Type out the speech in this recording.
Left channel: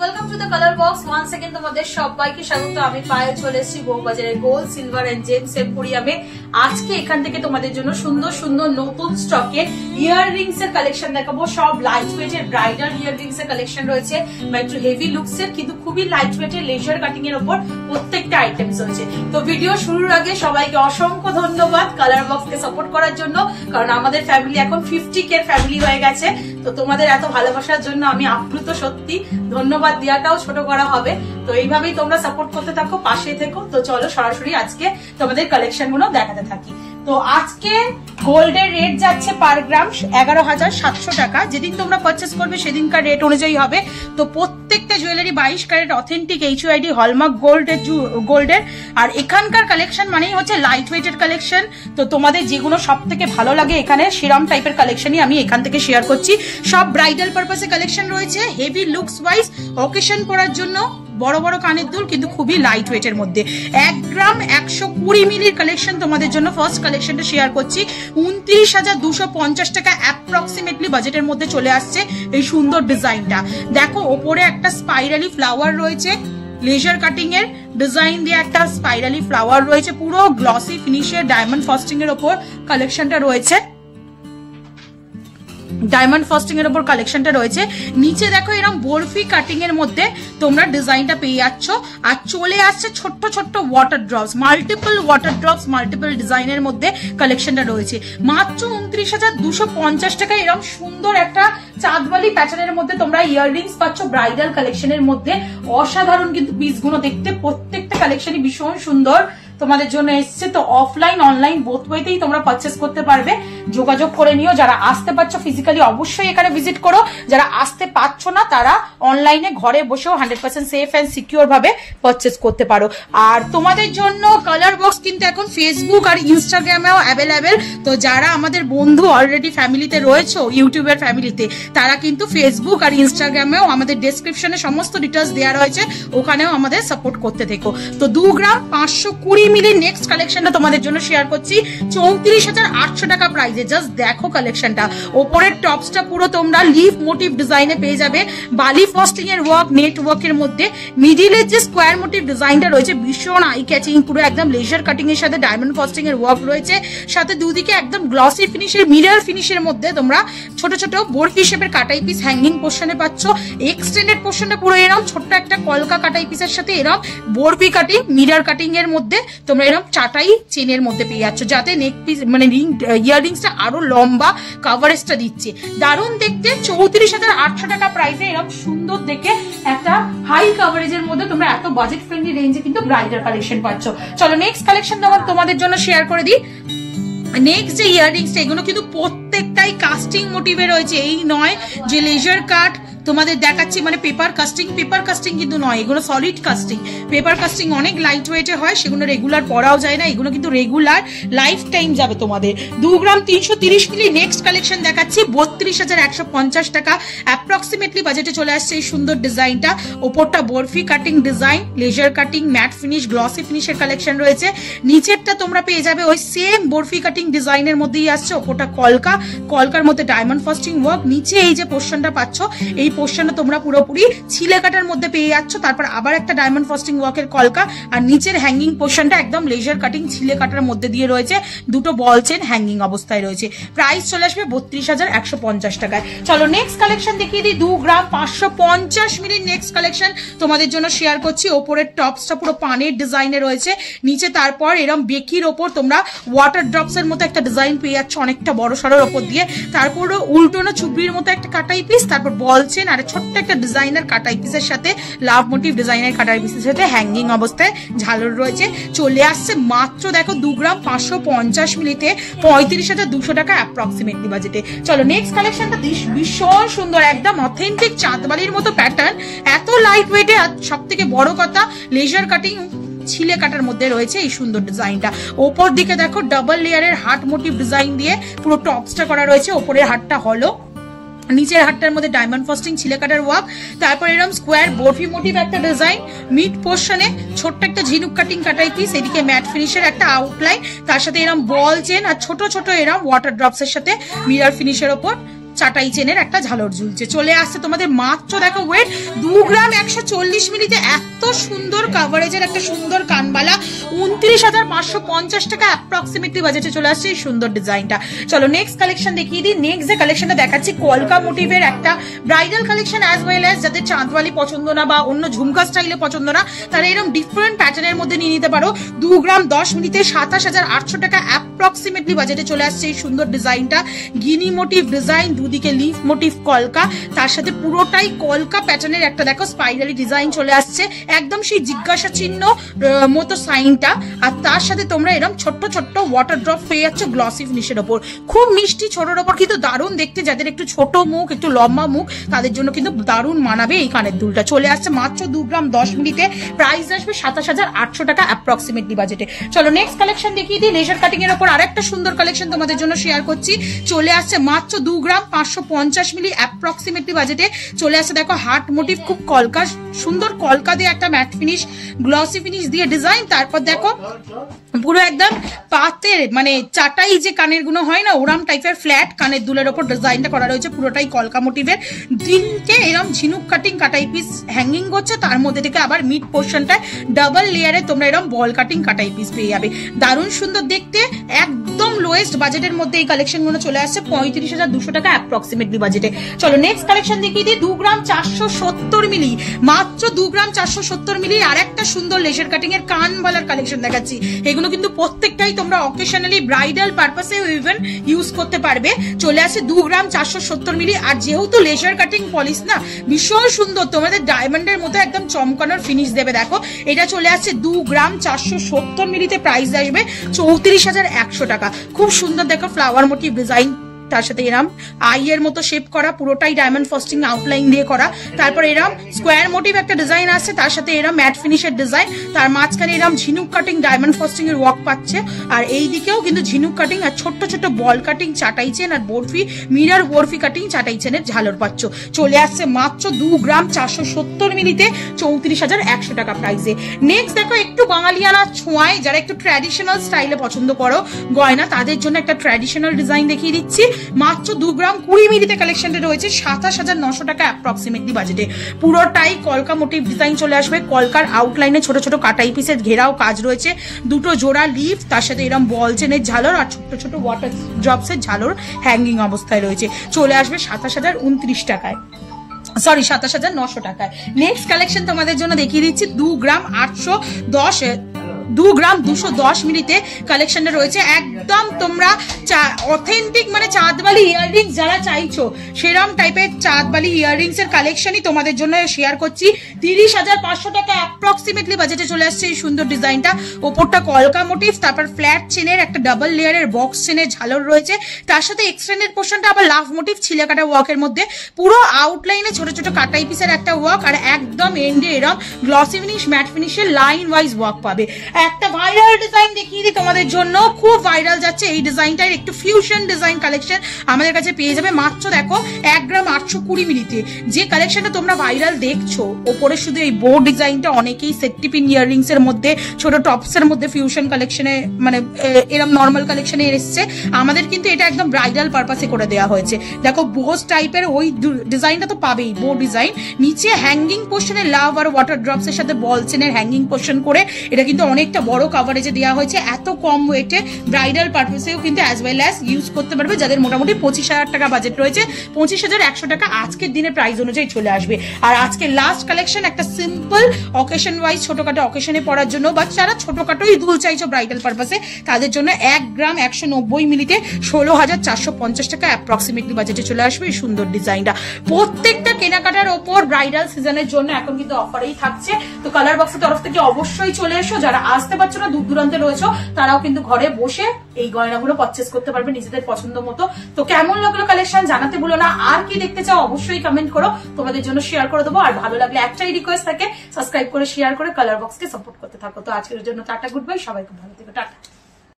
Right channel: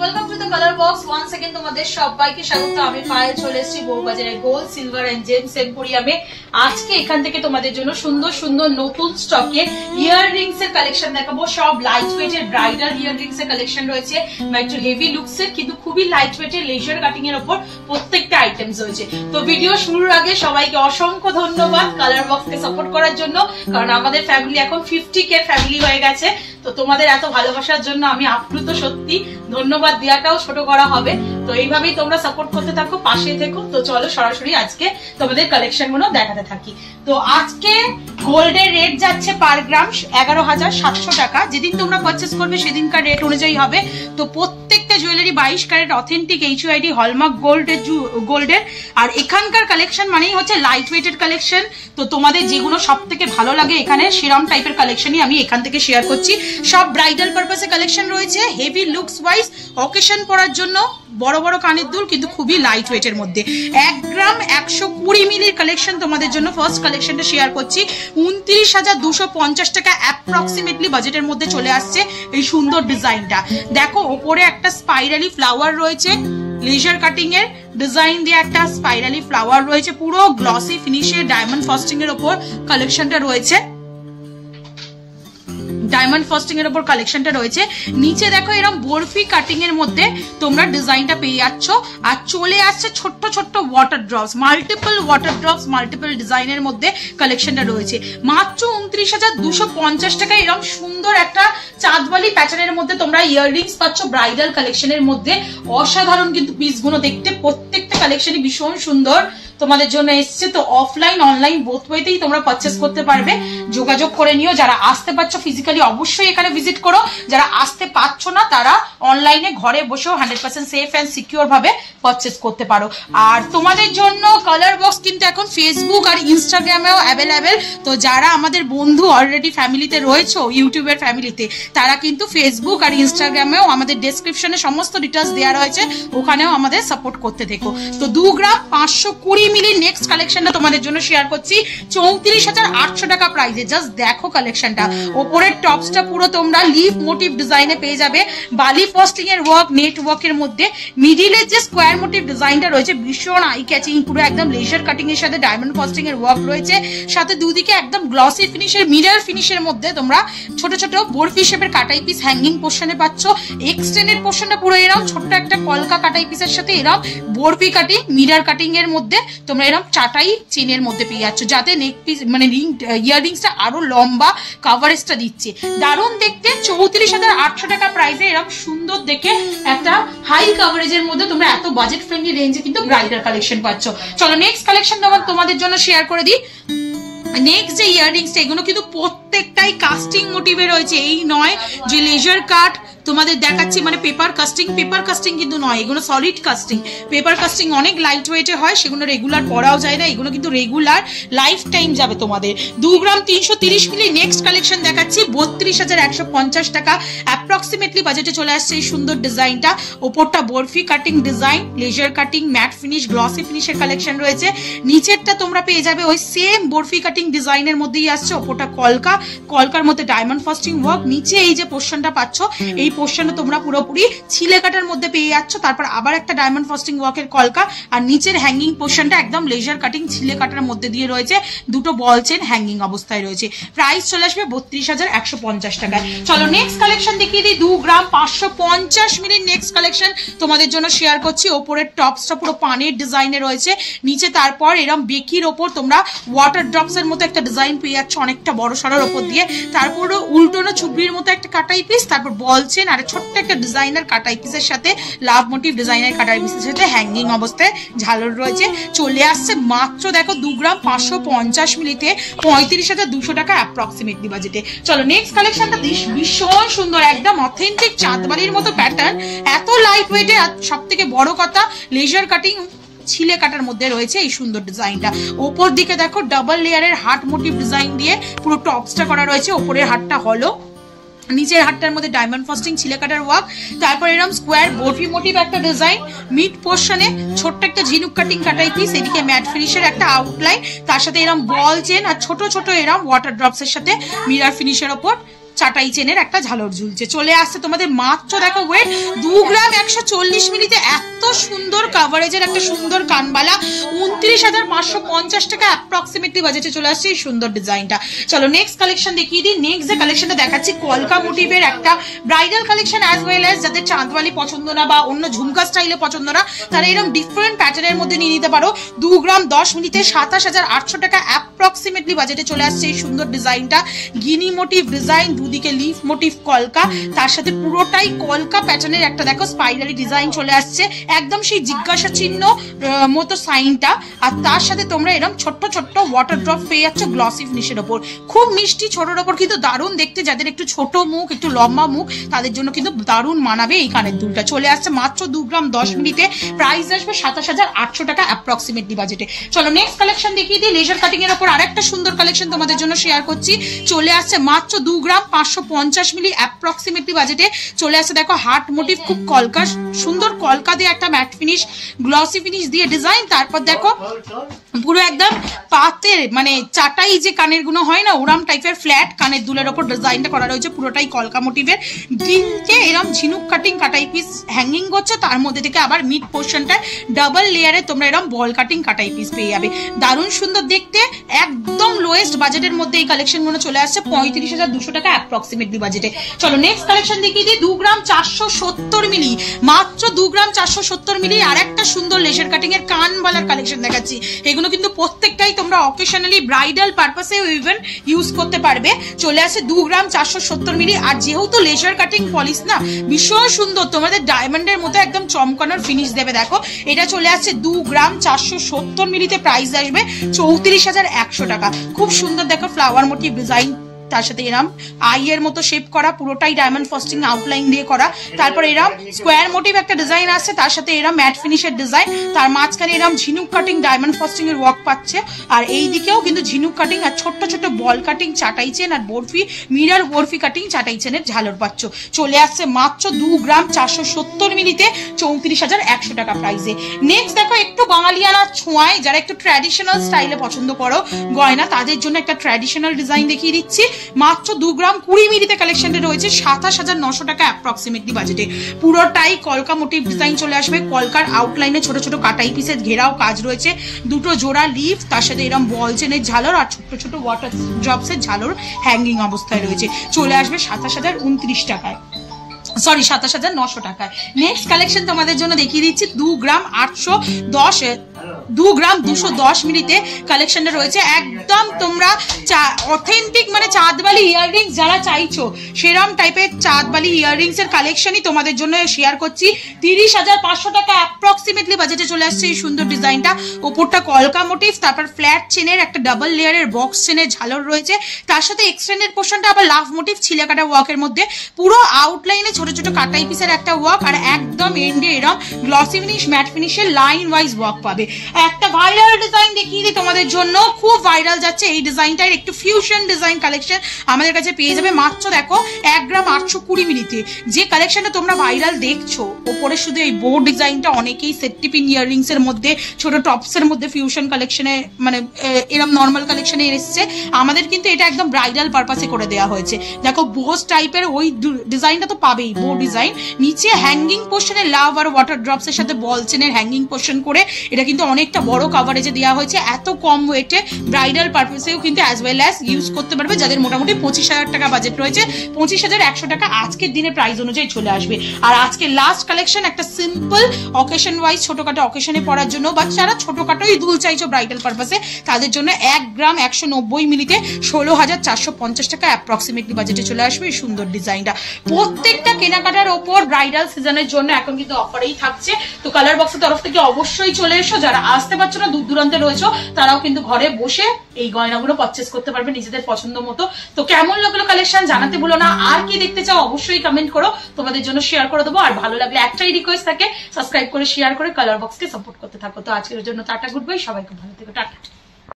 Welcome to the colour box once again তোমাদের সবাইকে স্বাগত। আমি পায়ে চলে এসেছি বউবাজারে গোল্ড সিলভার এন্ড জেমস এম্পোরিয়ামে। আজকে এখান থেকে তোমাদের জন্য সুন্দর সুন্দর নতুন স্টকে ইয়াররিংস এর কালেকশন দেখাবো। সব লাইট ওয়েট এর ব্রাইডাল ইয়াররিংস এর কালেকশন রয়েছে, একটু হেভি লুকস এর কিন্তু খুবই লাইট ওয়েট এর লেজার কাটিং এর উপর প্রত্যেকটা আইটেমস রয়েছে। তো ভিডিও শুরুর আগে সবাইকে অসংখ্য ধন্যবাদ কালার বক্স কে সাপোর্ট করার জন্য, কারণ আমাদের ফ্যামিলি এখন 50K ফ্যামিলি হয়ে গেছে। তো তোমাদের এত ভালোবাসার জন্য আমি আপ্লুত, সত্যি ধন্যবাদ দেওয়াটাও ছোট করা হবে। তো এইভাবেই তোমরা সাপোর্ট করতে থাকো, পাশে থেকো। তো চলো সরাসরি আজকে তোমাদের কালেকশন গুলো দেখাতে থাকি। তো আজকে গোল্ডের রেট যাচ্ছে পার গ্রাম 11,700 টাকা। যেদিন তোমরা পারচেস করবে সেদিনকার রেট অনুযায়ী হবে। তো প্রত্যেকটা jewellery 22 carat authentic HUID hallmark গোল্ডের। আর এখানকার কালেকশন মানেই হচ্ছে লাইট ওয়েটের কালেকশন। তো তোমাদের যেগুলো সব থেকে ভালো লাগে এখানে সেরম টাইপের কালেকশনই আমি এখান থেকে শেয়ার করছি। সব ব্রাইডাল পারপাসে কালেকশন রয়েছে, হেভি লুকস ওয়াইজ অকেশন পরার জন্য বড় বড় কানের দুল, কিন্তু খুবই লাইট ওয়েটের মধ্যে। 1 গ্রাম 120 মিলির কালেকশন তোমাদের জন্য ফার্স্ট কালেকশনটা শেয়ার করছি। 29,250 টাকা অ্যাপ্রক্সিমেটলি বাজেটের মধ্যে চলে আসছে এই সুন্দর ডিজাইনটা। দেখো ওপরে একটা স্পাইরালি ফ্লাওয়ার রয়েছে, লেজার কাটিং এর ডিজাইন দিয়ে একটা স্পাইরালি ফ্লাওয়ার রয়েছে, পুরো গ্লসি ফিনিশের ডায়মন্ড ফস্টিং এর উপর কালেকশনটা রয়েছে। ডায়মন্ড ফস্টিং এর উপর কালেকশনটা রয়েছে। নিচে দেখো এরকম বরফি কাটিং এর মধ্যে তোমরা ডিজাইনটা পেয়ে যাচ্ছ। আর চলে আসছে ছোট্ট ছোট্ট water drops, multiple water drops, multiple ডিজাইনের মধ্যে কালেকশনটা রয়েছে। মাত্র 29,250 টাকায় এরকম সুন্দর একটা চাঁদবালি প্যাটার্নের মধ্যে তোমরা ইয়াররিংস পাচ্ছ ব্রাইডাল কালেকশনের মধ্যে। অসাধারণ কিন্তু পিসগুলো দেখতে, প্রত্যেকটা কালেকশনই ভীষণ সুন্দর তোমাদের জন্য এসছে। তো অফলাইন অনলাইন বোথ ওয়েতেই তোমরা পারচেস করতে পারবে। যোগাযোগ করে নিও। যারা আসতে পারছো ফিজিক্যালি অবশ্যই এখানে ভিজিট করো, যারা আসতে পারছো না তারা অনলাইনে ঘরে বসেও 100% সেফ এন্ড সিকিউর ভাবে পারচেস করতে পারো। আর তোমাদের জন্য কালার বক্স কিন্তু এখন ফেসবুক আর ইনস্টাগ্রামেও অ্যাভেলেবেল। তো যারা আমাদের বন্ধু অলরেডি ফ্যামিলিতে রয়েছে, ইউটিউবের ফ্যামিলিতে, তারা কিন্তু ফেসবুক আর ইনস্টাগ্রামেও আমাদের ডেসক্রিপশনে সমস্ত ডিটেলস দেওয়া রয়েছে, ওখানেও আমাদের সাপোর্ট করতে থেকো। তো 2 গ্রাম 520 মিলি নেক্সট কালেকশনটা তোমাদের জন্য শেয়ার করছি 34,800 টাকা প্রাইসে। জাস্ট দেখো কালেকশনটা, ওপরের টপসটা পুরো তোমরা লিফ মোটিভ ডিজাইনে পেয়ে যাবে, বালি ফস্টিং এর ওয়ার্ক, নেট ওয়ার্কের মধ্যে। মিডিলের যে স্কোয়ার মোটিভ ডিজাইনটা রয়েছে ভীষণ আই ক্যাচিং, পুরো একদম লেজার কাটিং এর সাথে ডায়মন্ড ফস্টিং এর ওয়ার্ক রয়েছে। সাথে দুদিকে একদম গ্লসি ফিনিশের মিরর ফিনিশের মধ্যে তোমরা ছোট ছোট বরফি শেপের কাটাই পিস হ্যাঙ্গিং পোর্শনে পাচ্ছ। এক্সটেন্ডেড পোর্শনটা পুরো এরকম ছোট্ট একটা কলকা কাটাই পিসের সাথে এরকম বরফি কাটিং মিরর কাটিং এর মধ্যে তোমরা এরকম চাটাই চেনের মধ্যে পেয়ে যাচ্ছ, যাতে নেক পিস মানে ইয়াররিংসটা আরো লম্বা কাভারেজটা দিচ্ছে। দারুণ দেখতে। 34,800 টাকা প্রাইসে এরকম সুন্দর দেখে একটা হাই কাভারেজের মধ্যে তোমরা এত বাজেট ফ্রেন্ডলি রেঞ্জে কিন্তু ব্রাইডাল কালেকশন পাচ্ছ। চলো নেক্সট কালেকশন তোমাদের জন্য শেয়ার করে দিই। নেক্সট যে ইয়াররিংস এগুলো কিন্তু প্রত্যেকটাই কাস্টিং মোটিভে রয়েছে। এই নয় যে লেজার কাট তোমাদের দেখাচ্ছি মানে পেপার কাস্টিং কিন্তু নয়, এগুলো সলিড কাস্টিং। পেপার কাস্টিং অনেক লাইট ওয়েটে হয়, সেগুলো রেগুলার পরাও যায় না, এগুলো কিন্তু রেগুলার লাইফ টাইম যাবে তোমাদের। 2 গ্রাম 330 মিলি নেক্সট কালেকশন দেখাচ্ছি 32,150 টাকা অ্যাপ্রক্সিমেটলি বাজেটে চলে আসছে এই সুন্দর ডিজাইনটা। ওপরটা barfi cutting design, laser cutting, matte finish, glossy ফিনিশের কালেকশন রয়েছে। নিচেরটা তোমরা পেয়ে যাবে ওই সেম বরফি কাটিং ডিজাইনের মধ্যেই আসছে। ওপরটা কলকার মধ্যে ডায়মন্ড ফস্টিং ওয়ার্ক। নিচে এই যে পোর্শনটা পাচ্ছ, এই পোর্শনে তোমরা পুরোপুরি ছিলে কাটার মধ্যে পেয়ে যাচ্ছ। তারপর আবার একটা ডায়মন্ড ফস্টিং ওয়ার্কের কলকা, আর নিচের হ্যাঙ্গিং পোর্শনটা একদম লেজার কাটিং ছিলে কাটার মধ্যে দিয়ে রয়েছে। দুটো বল চেন হ্যাঙ্গিং অবস্থায় রয়েছে। প্রাইস চলে আসবে 32,150 টাকায়। চলো নেক্সট কালেকশন দেখিয়ে দিই। 2 গ্রাম 550 মিলির নেক্সট কালেকশন তোমাদের জন্য শেয়ার করছি। ওপরের টপসটা পুরো পানের ডিজাইনে রয়েছে, নিচে তারপর এরকম বেকির ওপর তোমরা ওয়াটার ড্রপস এর মতো একটা ডিজাইন পেয়ে যাচ্ছ অনেকটা বড় সড়োর ওপর দিয়ে। তারপর উল্টোনো চুবড়ির মতো একটা কাটাই পিস, তারপর বল চেন আর ছোট্ট একটা ডিজাইনার কাটাই পিসের সাথে লাভ মোটিভ ডিজাইনার কাটাই পিসের সাথে হ্যাঙ্গিং অবস্থায় ঝালর রয়েছে। চলে আসছে মাত্র দেখো 2 গ্রাম 550 মিলিতে 35,200 টাকা অ্যাপ্রক্সিমেটলি বাজেটে। চলো নেক্সট কালেকশনটা ভীষণ সুন্দর, একদম অথেন্টিক চাঁদবালির মতো প্যাটার্ন, এত লাইট ওয়েটে। আর সব থেকে বড় কথা লেজার কাটিং ছিলে কাটার মধ্যে রয়েছে এই সুন্দর ডিজাইনটা। ওপর দিকে দেখো ডাবল লেয়ারের হার্ট মোটিভ ডিজাইন দিয়ে পুরো টপসটা করা রয়েছে। ওপরের হাতটা হলো, নিচের হাতটার মধ্যে ডায়মন্ড ফস্টিং ছিলে কাটার ওয়ার্ক। তারপর এরকম স্কোয়ার বরফি মোটিভ একটা ডিজাইন, মিড পোর্শনে ছোট্ট একটা ঝিনুক কাটিং কাটাই পিস, এদিকে ম্যাট ফিনিশের একটা আউটলাইন, তার সাথে এরকম বল চেন আর ছোট ছোট এরকম ওয়াটার ড্রপস এর সাথে মিরর ফিনিশের ওপর চাটাই চেনের একটা ঝালর ঝুলছে। চলে আসছে তোমাদের মাত্র দেখো ওয়েট 2 গ্রাম 140 মিলিতে এত সুন্দর কভারেজের একটা সুন্দর কানবালা 29,550 টাকা অ্যাপ্রক্সিমেটলি বাজেটে চলে আসছে এই সুন্দর ডিজাইনটা। চলো নেক্সট কালেকশন দেখিয়ে দিই। নেক্সট যে কালেকশনটা দেখাচ্ছি কলকা মোটিভের একটা bridal collection, as well as যাদের চাঁদওয়ালি পছন্দ না বা অন্য ঝুমকা স্টাইলে পছন্দ না, তারা এরকম ডিফারেন্ট প্যাটার্নের মধ্যে নিয়ে নিতে পারো। 2 গ্রাম 10 মিলিতে 27,800 টাকা অ্যাপ্রক্সিমেটলি বাজেটে চলে আসছে এই সুন্দর ডিজাইনটা। গিনি মোটিভ ডিজাইন, দুদিকে লিফ মোটিভ কলকা, তার সাথে পুরোটাই কলকা প্যাটার্নের একটা দেখো স্পাইরালি ডিজাইন চলে আসছে, একদম সেই জিজ্ঞাসা চিহ্ন মতো সাইনটা। আর তার সাথে তোমরা এরকম ছোট্ট ছোট্ট ওয়াটার ড্রপ পেয়ে যাচ্ছ গ্লসি ফিনিশের ওপর, খুব মিষ্টি ছোটর ওপর কিন্তু দারুণ দেখতে। যাদের একটু ছোট মুখ, একটু লম্বা মুখ, তাদের জন্য কিন্তু দারুণ মানাবে এই কানের দুলটা। চলে আসছে মাত্র 2 গ্রাম 10 মিলিতে, প্রাইস আসবে 27,800 টাকা অ্যাপ্রক্সিমেটলি বাজেটে। চলো নেক্সট কালেকশন দেখিয়ে দিই। লেজার কাটিং এর ওপর আরেকটা সুন্দর কালেকশন তোমাদের জন্য শেয়ার করছি। চলে আসছে মাত্র 2 গ্রাম 550 মিলি অ্যাপ্রক্সিমেটলি বাজেটে চলে আসছে। দেখো হার্ট মোটিভ, খুব কলকা সুন্দর কলকা দিয়ে একটা ম্যাট ফিনিশ গ্লসি ফিনিশ দিয়ে ডিজাইন। তারপর দেখো পুরো একদম পাতের মানে চাটাই যে কানের গুলো হয় না, ওরাম টাইপের ফ্ল্যাট কানের দুলের ওপর ডিজাইনটা করা রয়েছে, পুরোটাই কলকা মোটিভের। দিলকে এরকম ঝিনুক কাটিং কাটাই পিস হ্যাঙ্গিং করছে, তার মধ্যে থেকে আবার মিড পোর্শনটায় ডাবল লেয়ারে তোমরা এরকম বল কাটিং কাটাই পিস পেয়ে যাবে। দারুণ সুন্দর দেখতে, একদম লোয়েস্ট বাজেটের মধ্যে এই কালেকশন গুলো চলে আসছে 35,200 টাকা অ্যাপ্রক্সিমেটলি বাজেটে। চলো নেক্সট কালেকশন দেখিয়ে দিই। 2 গ্রাম 470 মিলি, মাত্র 2 গ্রাম 470 মিলি আর একটা সুন্দর লেজার কাটিং এর কানবালার কালেকশন দেখাচ্ছি। এগুলো কিন্তু প্রত্যেকটাই তোমরা অকেশনালি ব্রাইডাল পারপাসে ইভেন ইউজ করতে পারবে। চলে আসে 2 গ্রাম 470 মিলি, আর যেহেতু লেজার কাটিং পলিশ না, ভীষণ সুন্দর তোমাদের ডায়মন্ডের মতো একদম চমকানোর ফিনিশ দেবে। দেখো এটা চলে আসছে 2 গ্রাম 470 মিলিতে, প্রাইস আসবে 34,100 টাকা। খুব সুন্দর দেখো ফ্লাওয়ার মোটিভ ডিজাইন, তার সাথে এরম আই এর মতো শেপ করা, পুরোটাই ডায়মন্ড ফস্টিং আউটলাইন দিয়ে করা। তারপর এরম স্কোয়ার মোটিভ একটা ডিজাইন আছে, তার সাথে এরম ম্যাট ফিনিশের ডিজাইন, তার মাঝখানে এরম ঝিনুক কাটিং ডায়মন্ড ফস্টিং এর ওয়ার্ক পাচ্ছে। আর এই দিকেও কিন্তু ঝিনুক কাটিং আর ছোট্ট ছোট্ট বল কাটিং চাটাই চেন আর বরফি মিরার বরফি কাটিং চাটাই চেনের ঝালর পাচ্ছ। চলে আসছে মাত্র 2 গ্রাম 470 মিলিতে 34,100 টাকা প্রাইসে। নেক্সট দেখো একটু বাঙালিয়ানা ছোঁয়ায় যারা একটু ট্র্যাডিশনাল স্টাইলে পছন্দ করো গয়না, তাদের জন্য একটা ট্র্যাডিশনাল ডিজাইন দেখিয়ে দিচ্ছি। মাত্র 2 গ্রাম 20 মিলিতে কালেকশনটা রয়েছে 27,900 টাকা অ্যাপ্রক্সিমেটলি বাজেটে। পুরোটাই কলকা মোটিভ ডিজাইন চলে আসবে, কলকার আউটলাইনে ছোট ছোট কাটাই পিসের ঘেরাও কাজ রয়েছে, দুটো জোড়া লিফ, তার সাথে এরকম বল চেনের ঝালর আর ছোট ছোট ওয়াটার ড্রপসের ঝালর হ্যাঙ্গিং অবস্থায় রয়েছে। চলে আসবে 27,029 টাকায়, সরি 27,900 টাকায়। নেক্সট কালেকশন তোমাদের জন্য দেখিয়ে দিচ্ছি 2 গ্রাম 210 মিলিতে কালেকশনটা রয়েছে। একদম তোমরা অথেন্টিক মানে চাঁদবালি ইয়াররিংস যারা চাইছো সেরম টাইপের চাঁদবালি ইয়াররিংস এর কালেকশনই তোমাদের জন্য শেয়ার করছি। 30,500 টাকা অ্যাপ্রক্সিমেটলি বাজেটে চলে আসছে এই সুন্দর ডিজাইনটা। ওপরটা কলকা মোটিভ, তারপর ফ্ল্যাট চেনের একটা ডাবল লেয়ারের বক্স চেনের ঝালর রয়েছে, তার সাথে এক্সটেন্ডেড পোর্শনটা আবার লাভ মোটিভ ছিলে কাটা ওয়ার্কের মধ্যে, পুরো আউটলাইনে ছোট ছোট কাটাই পিসের একটা ওয়ার্ক, আর একদম এন্ডে এরম গ্লসি ফিনিশ ম্যাট ফিনিশের লাইন ওয়াইজ ওয়ার্ক পাবে। একটা ভাইরাল ডিজাইন দেখিয়ে দিই তোমাদের জন্য, খুব ভাইরাল যাচ্ছে এই ডিজাইনটার, একটু ফিউশন ডিজাইন কালেকশন আমাদের কাছে পেয়ে যাবে মাত্র দেখো 1 গ্রাম 820 মিলিতে। যে কালেকশনটা তোমরা ভাইরাল দেখছো ওপরে শুধু এই বোর্ড ডিজাইনটা অনেকেই সেটটিপিন ইয়াররিংস এর মধ্যে ছোট টপস এর মধ্যে ফিউশন কালেকশনে মানে এরকম নর্মাল কালেকশনে এসেছে, আমাদের কিন্তু এটা একদম ব্রাইডাল পারপাসে করে দেওয়া হয়েছে। দেখো বোস টাইপের ওই ডিজাইনটা তো পাবেই, বো ডিজাইন, নিচে হ্যাঙ্গিং পোর্শনে লাভ আর ওয়াটার ড্রপস এর সাথে বল চেনের হ্যাঙ্গিং পোর্শন করে এটা কিন্তু অনেকটা বড় কভারেজে দেওয়া হয়েছে। এত কম ওয়েটে ব্রাইডাল পারপাসেও কিন্তু অ্যাজ ওয়েল অ্যাজ ইউজ করতে পারবে। যাদের মোটামুটি 25,000 টাকা বাজেট রয়েছে, 25,100 টাকা আজকের দিনের প্রাইস অনুযায়ী চলে আসবে। আর আজকে লাস্ট কালেকশন একটা সিম্পল অকেশন ওয়াইজ ছোটখাটো অকেশনে পড়ার জন্য বা যারা ছোটখাটোই দুল চাইছো ব্রাইডাল পারপাসে তাদের জন্য 1 গ্রাম 190 মিলিতে 16,450 টাকা অ্যাপ্রক্সিমেটলি বাজেটে চলে আসবে এই সুন্দর ডিজাইনটা। প্রত্যেকটা কেনাকাটার ওপর ব্রাইডাল সিজনের জন্য এখন কিন্তু অফারেই থাকছে। তো কালার বক্সের তরফ থেকে অবশ্যই চলে এসো, যারা আসতে পারছো না দূর দূরান্তে রয়েছো তারাও কিন্তু ঘরে বসে এই গয়নাগুলো পারচেস করতে পারবে নিজেদের পছন্দ মতো। তো কেমন লাগলো কালেকশন জানাতে ভুলো না, আর কি দেখতে চাও অবশ্যই কমেন্ট করো, তোমাদের জন্য শেয়ার করে দেবো। আর ভালো লাগলে একটাই রিকোয়েস্ট থাকে, সাবস্ক্রাইব করে শেয়ার করে কালার বক্সকে সাপোর্ট করতে থাকো। তো আজকের জন্য টাটা, গুড বাই, সবাইকে ভালো থেকো, টাটা।